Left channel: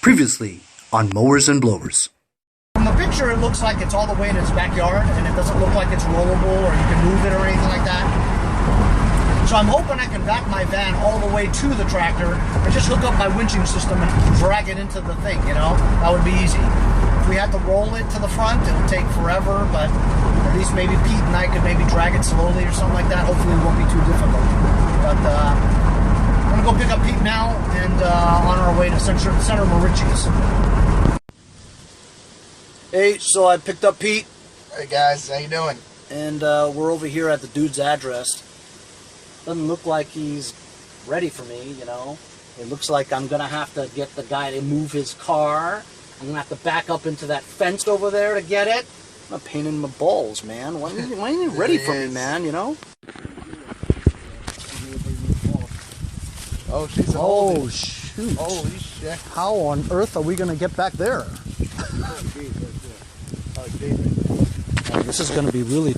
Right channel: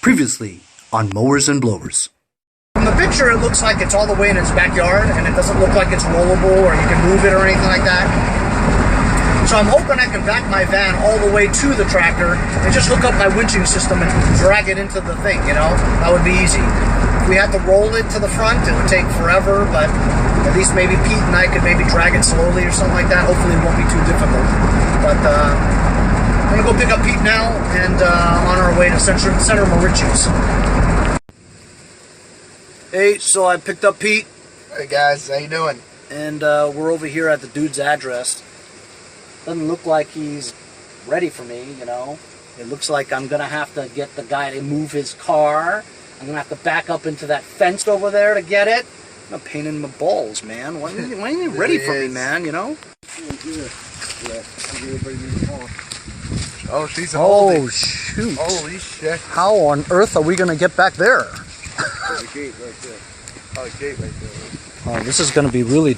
Previously on Mowers and Blowers. From the picture, it looks like it's all the way in its backyard, and it doesn't look like it's rollable or you can move it or anything like that. So I'm hoping I can back my van all the way to the tractor and just hook up my winching system and drag it into the thing, you know? That would be easy. If we had to roll it to the front, it would take forever, but at least maybe Pete and I could maybe drag it slowly or something like that. Hopefully it won't be too difficult. But I'm gonna go pick up Pete now and on our way to Center Mauritius. Hey, so I picked up Pete. Hey guys, how you doing? And we're over here at the dude's address. Doesn't look like he's ready for me, you know. It looks like I'm gonna have to get the guy to move his car. I'm gonna have to back up into that fence over there to get it. I'm a pain in my balls, man. Why ain't you ready for me, man, you know? Oh, she's holding. Oh, shoot. Holy shit. How on earth are we gonna get back there? There's a gate right there. Oh, a gate right there. Oh, this is gonna be really...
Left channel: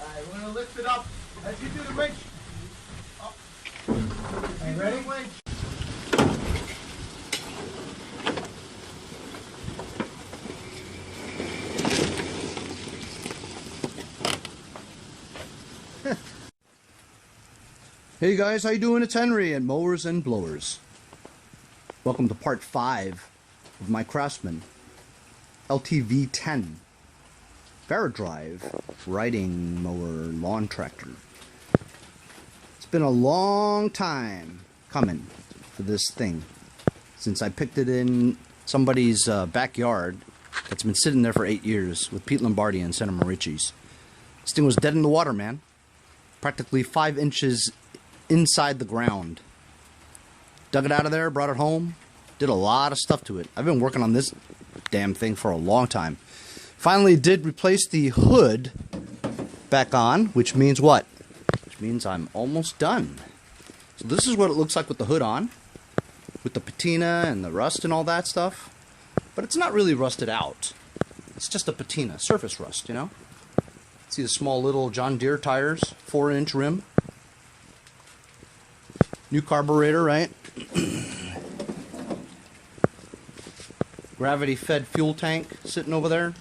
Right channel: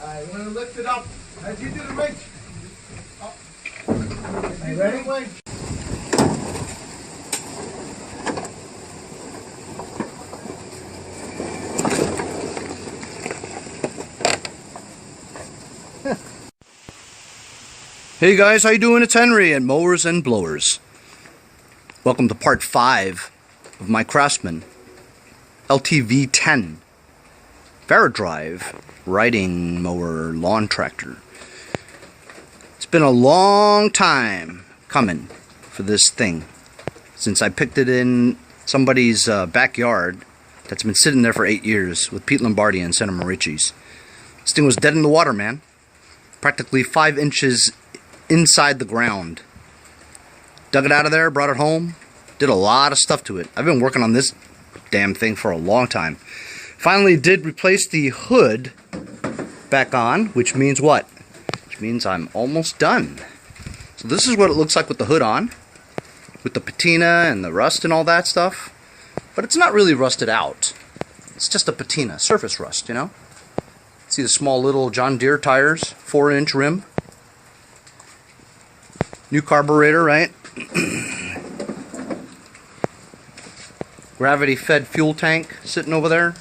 Alright, we're gonna lift it up. As you do the wrench. Up. Are you ready? Hey guys, how you doing? It's Henry at Mowers and Blowers. Welcome to part 5 of my Craftsman Ltv 10 Varidrive riding mower lawn tractor. It's been a long time coming for this thing since I picked it in somebody's backyard that's been sitting there for 8 years with Pete Lombardi and Center Mauritius. This thing was dead in the water, man. Practically 5 inches inside the ground. Dug it out of there, brought it home, did a lot of stuff to it. I've been working on this damn thing for a long time. Finally did replace the hood back on, which means what? Which means I'm almost done. So this is what it looks like with the hood on, with the patina and the rust and all that stuff. But it's not really rusted out. It's just a patina, surface rust, you know? See the small little John Deere tires, 4-inch rim. New carburetor, right? Gravity-fed fuel tank sitting over there.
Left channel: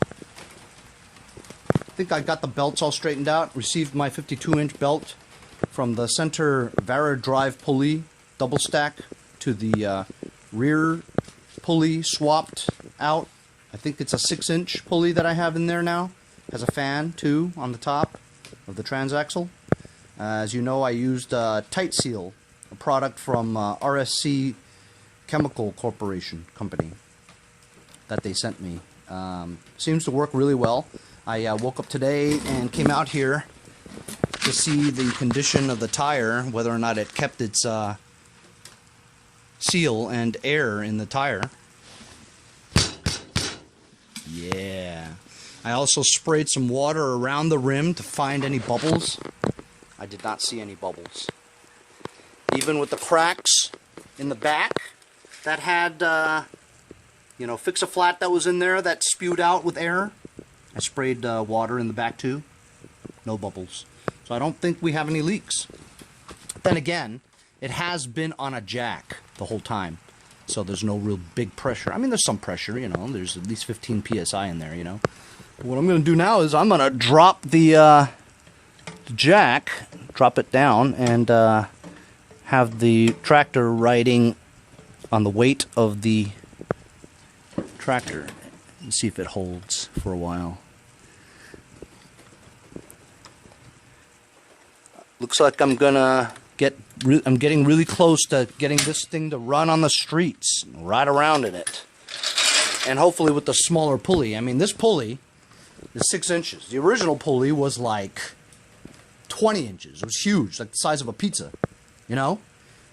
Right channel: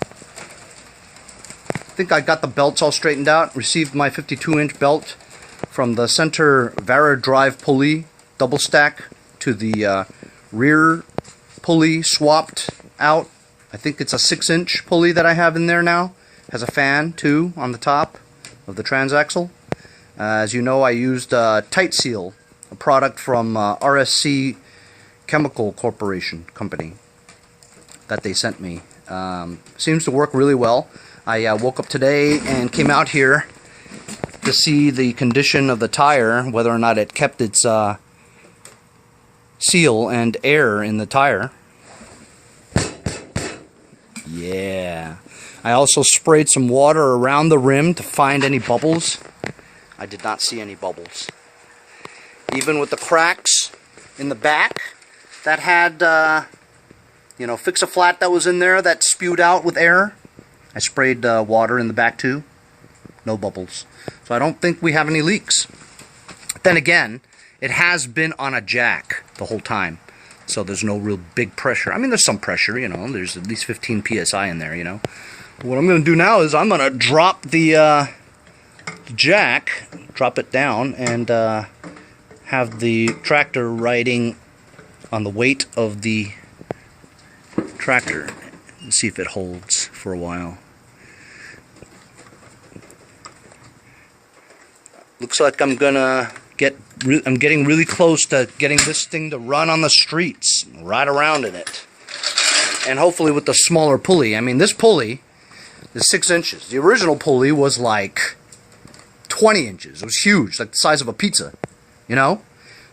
I think I got the belts all straightened out. Received my 52-inch belt from the center Varidrive pulley, double stack, to the rear pulley swapped out. I think it's a 6-inch pulley that I have in there now. Has a fan, too, on the top of the transaxle. As you know, I used Tight Seal, a product from RSC Chemical Corporation Company that they sent me. Seems to work really well. I woke up today and came out here to see the condition of the tire, whether or not it kept its seal and air in the tire. Yeah. I also sprayed some water around the rim to find any bubbles. I did not see any bubbles. Even with the cracks in the back that had, you know, Fix-A-Flat that was in there that spewed out with air, I sprayed water in the back too. No bubbles. So I don't think we have any leaks. Then again, it has been on a jack the whole time. So there's no real big pressure. I mean, there's some pressure, you know. There's at least 15 psi in there, you know. But what I'm going to do now is I'm going to drop the jack, drop it down, and have the tractor riding on the weight of the tractor and see if it holds for a while. Looks like I'm getting really close to getting this thing to run on the streets, ride around in it. And hopefully with the smaller pulley. I mean, this pulley is 6 inches. The original pulley was like 20 inches. It was huge, like the size of a pizza, you know?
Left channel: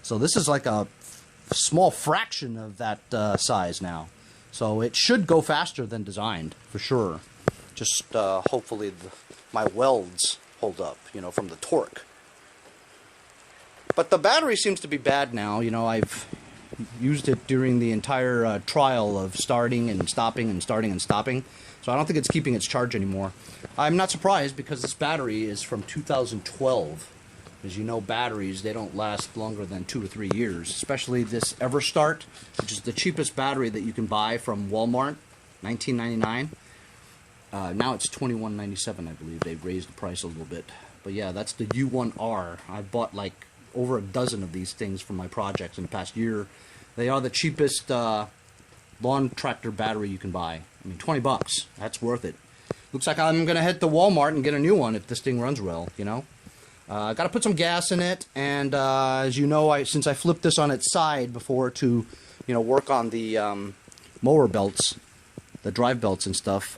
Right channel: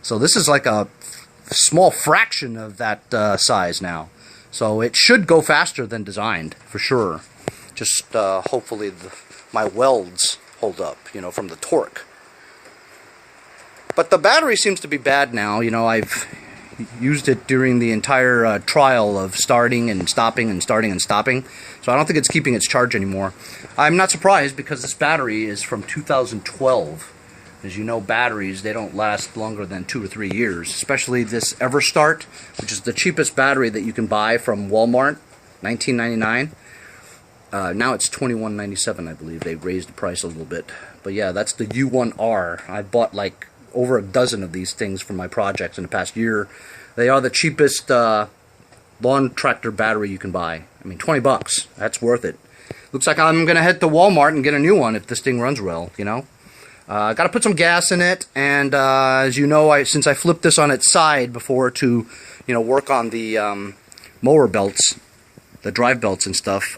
So this is like a small fraction of that size now. So it should go faster than designed, for sure. Just hopefully my welds hold up, you know, from the torque. But the battery seems to be bad now. You know, I've used it during the entire trial of starting and stopping and starting and stopping. So I don't think it's keeping its charge anymore. I'm not surprised because this battery is from 2012. As you know, batteries, they don't last longer than 2 or 3 years, especially this EverStart, which is the cheapest battery that you can buy from Walmart, $19.99. Now it's $21.97, I believe. They raised the price a little bit. But yeah, that's the U1R. I bought like over a dozen of these things for my projects in the past year. They are the cheapest lawn tractor battery you can buy. I mean, 20 bucks. That's worth it. Looks like I'm going to head to Walmart and get a new one if this thing runs well, you know. Got to put some gas in it, and as you know, since I flipped this on its side before to, you know, work on the mower belts, the drive belts and stuff,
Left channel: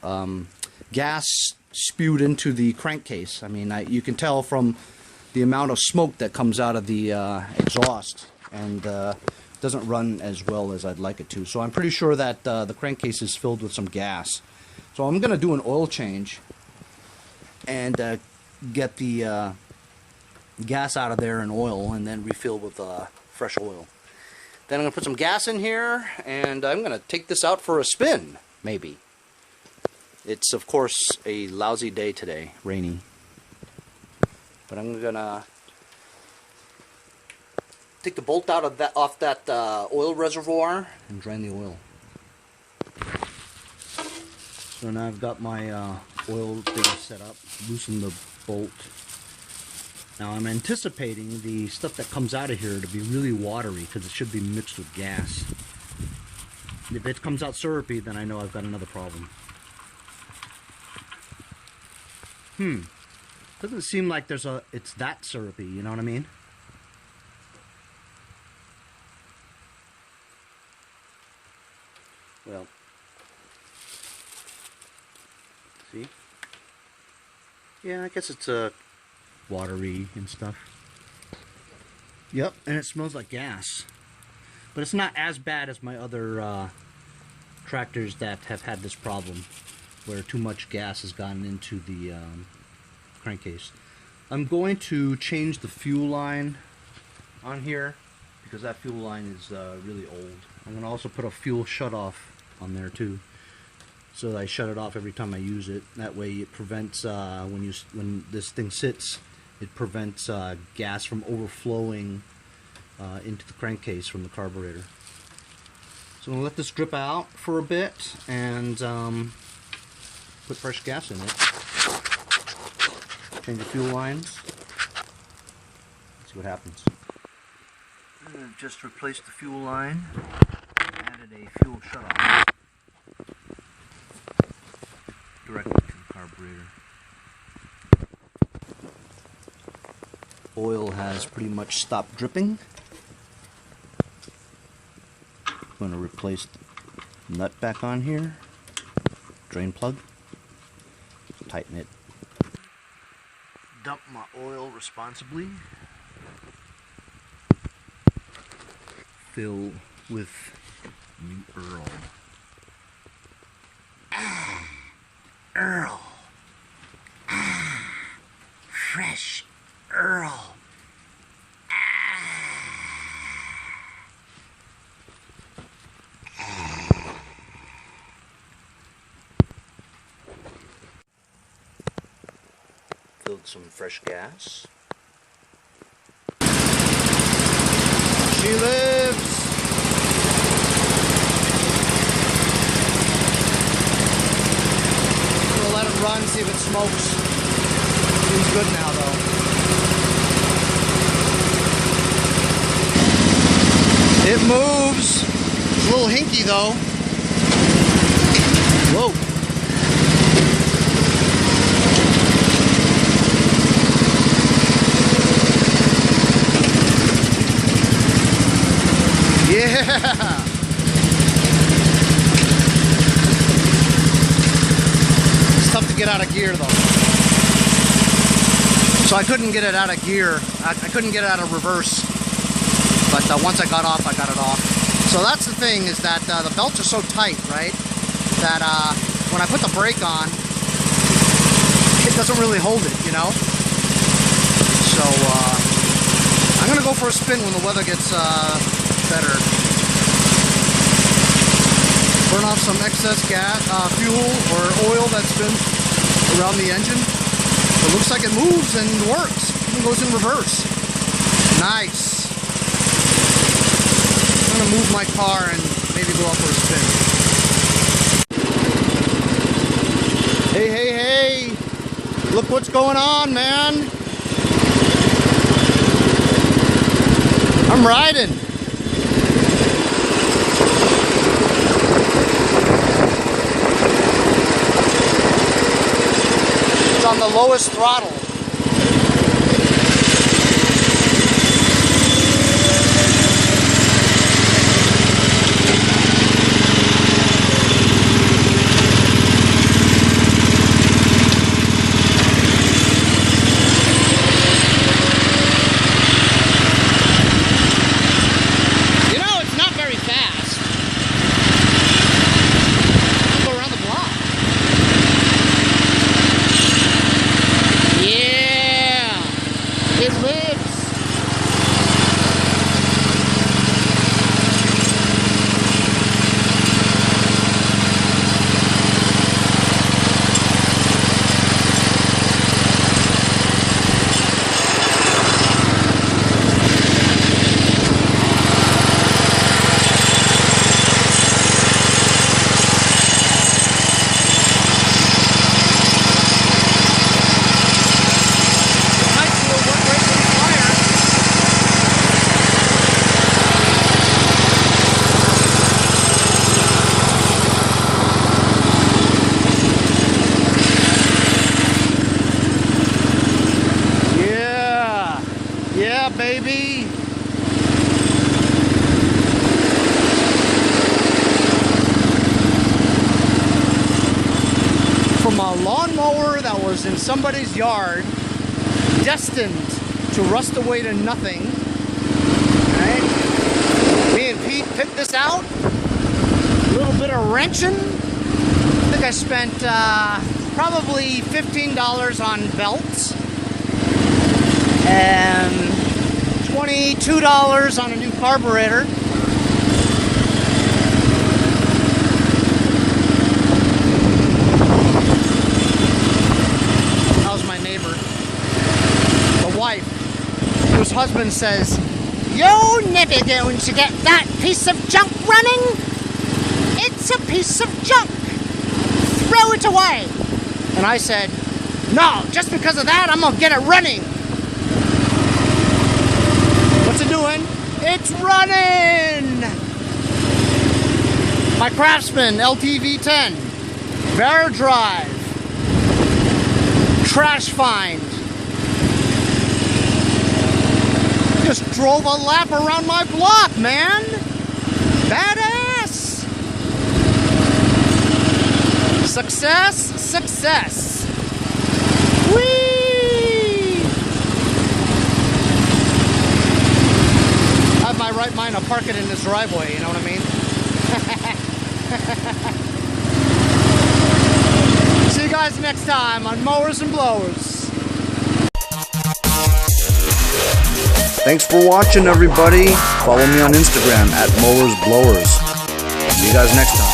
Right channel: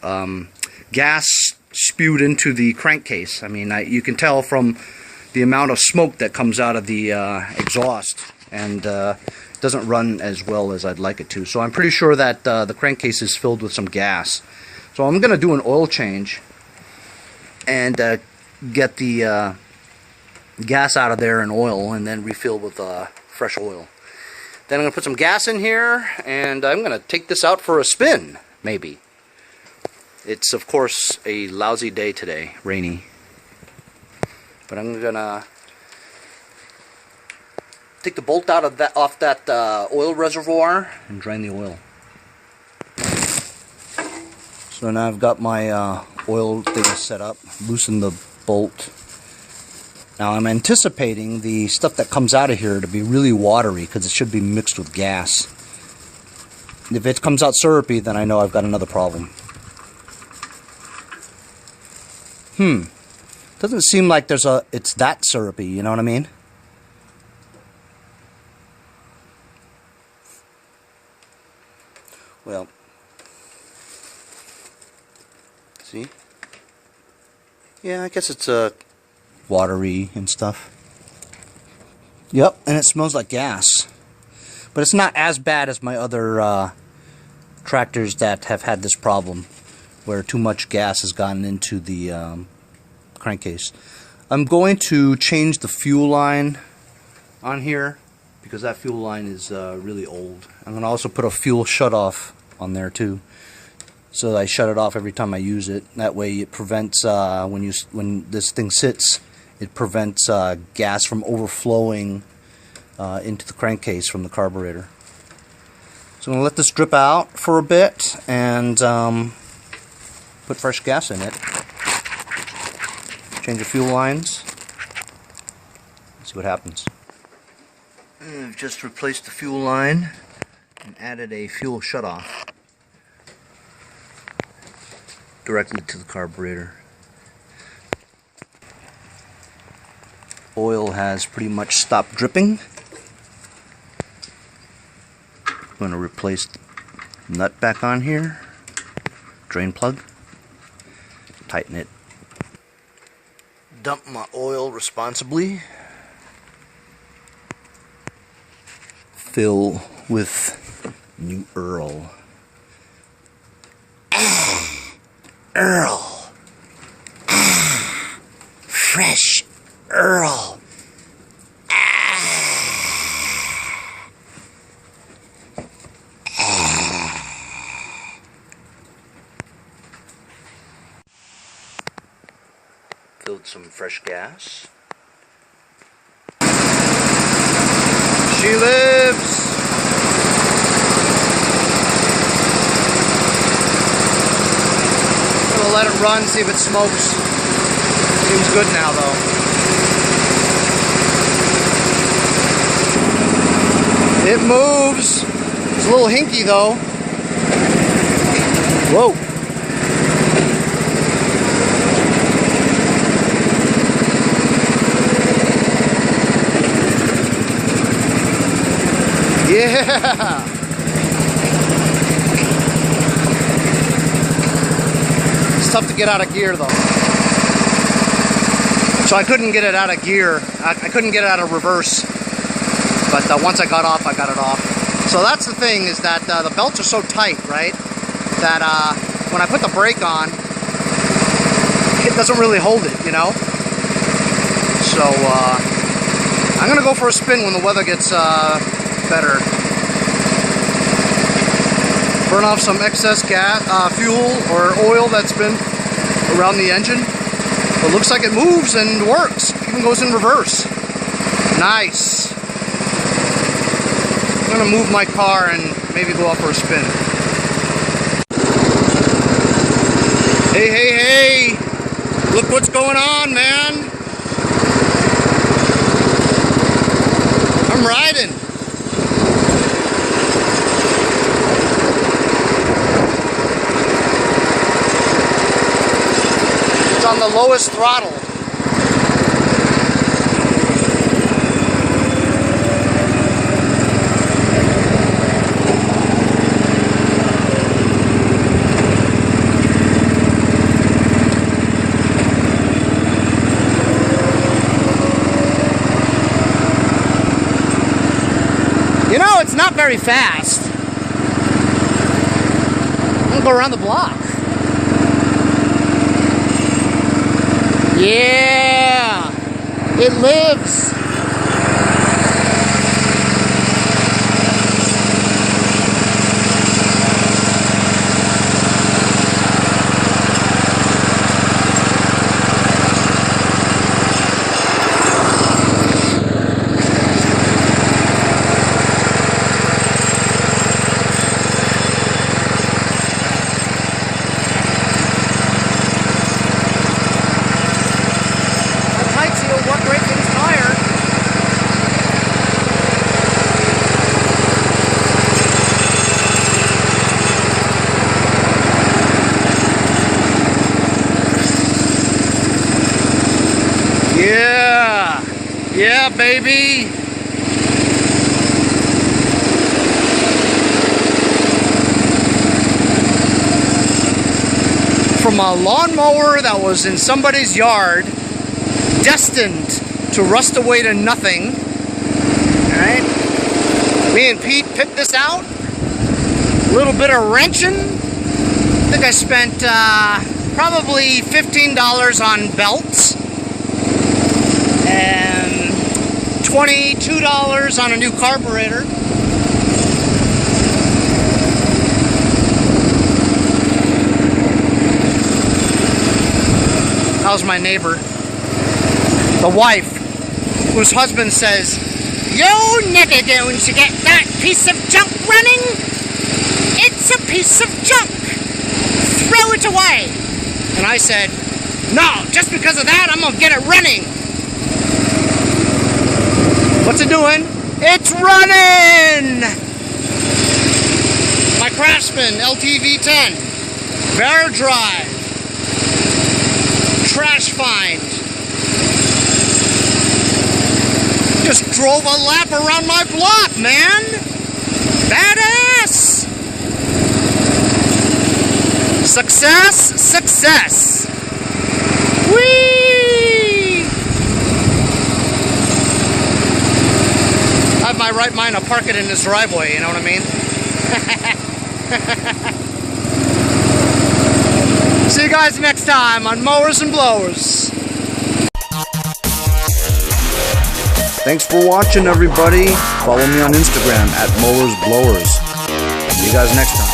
gas spewed into the crankcase. I mean, you can tell from the amount of smoke that comes out of the exhaust, and doesn't run as well as I'd like it to. So I'm pretty sure that the crankcase is filled with some gas. So I'm going to do an oil change and get the gas out of there and oil, and then refill with fresh oil. Then I'm going to put some gas in here, and I'm going to take this out for a spin, maybe. It's, of course, a lousy day today, rainy. But I'm going to take the bolt out of that, off that oil reservoir and drain the oil. So now I've got my oil thing set up, loosen the bolt. Now I'm anticipating the stuff that comes out of here to be really watery because it should be mixed with gas. And if it comes out syrupy, then I know I've got another problem. Doesn't seem like it's that syrupy, you know what I mean? Well, see? Yeah, I guess it's watery and stuff. Yep, and it smells like gas. But it's not as bad as my other tractors that have had this problem, where too much gas has gotten into the crankcase. I'm going to change the fuel line on here because that fuel line is really old. I'm going to also put a fuel shutoff on there too, so that I shut it off every time I use it. That way it prevents when this thing sits, it prevents gas from overflowing into the crankcase from the carburetor. So I'm going to let this drip out for a bit and put fresh gas in it. Change the fuel lines. See what happens. I've just replaced the fuel line and added a fuel shutoff directly to the carburetor. Oil has pretty much stopped dripping. I'm going to replace the nut back on here. Drain plug. Tighten it. Dump my oil responsibly. Fill with new Earl. Earl. Fresh Earl. Filled some fresh gas. She lives! I'm gonna let it run, see if it smokes. Seems good now though. It moves. It's a little hinky though. Whoa. Yeah! It's tough to get out of gear though. So I couldn't get it out of gear. I couldn't get it out of reverse. But once I got off, I got it off. So that's the thing, is that the belts are so tight, right? That when I put the brake on, it doesn't really hold it, you know? So I'm gonna go for a spin when the weather gets better. Burn off some excess gas, fuel or oil that's been around the engine. It looks like it moves and works. Even goes in reverse. Nice. I'm gonna move my car and maybe go out for a spin. Hey, hey, hey! Look what's going on, man! I'm riding. It's on the lowest throttle. Very fast. I'll go around the block. Yeah, it lives. Yeah, baby. From a lawnmower that was in somebody's yard, destined to rust away to nothing. All right. Me and Pete picked this out. A little bit of wrenching. I think I spent probably $15 on belts. And $22 on a new carburetor. How's my neighbor? The wife, whose husband says, "You never going to get that piece of junk running? It's a piece of junk. Throw it away." And I said, "No, just because of that, I'm gonna get it running." What's it doing? It's running! My Craftsman Ltv 10. Varidrive. Trash find. Just drove a lap around my block, man! Badass! Success, success! Whee! I have my right mind to park it in this driveway, you know what I mean? See you guys next time on Mowers and Blowers. Thanks for watching, everybody. Follow me on Instagram at Mowers Blowers. See you guys next time.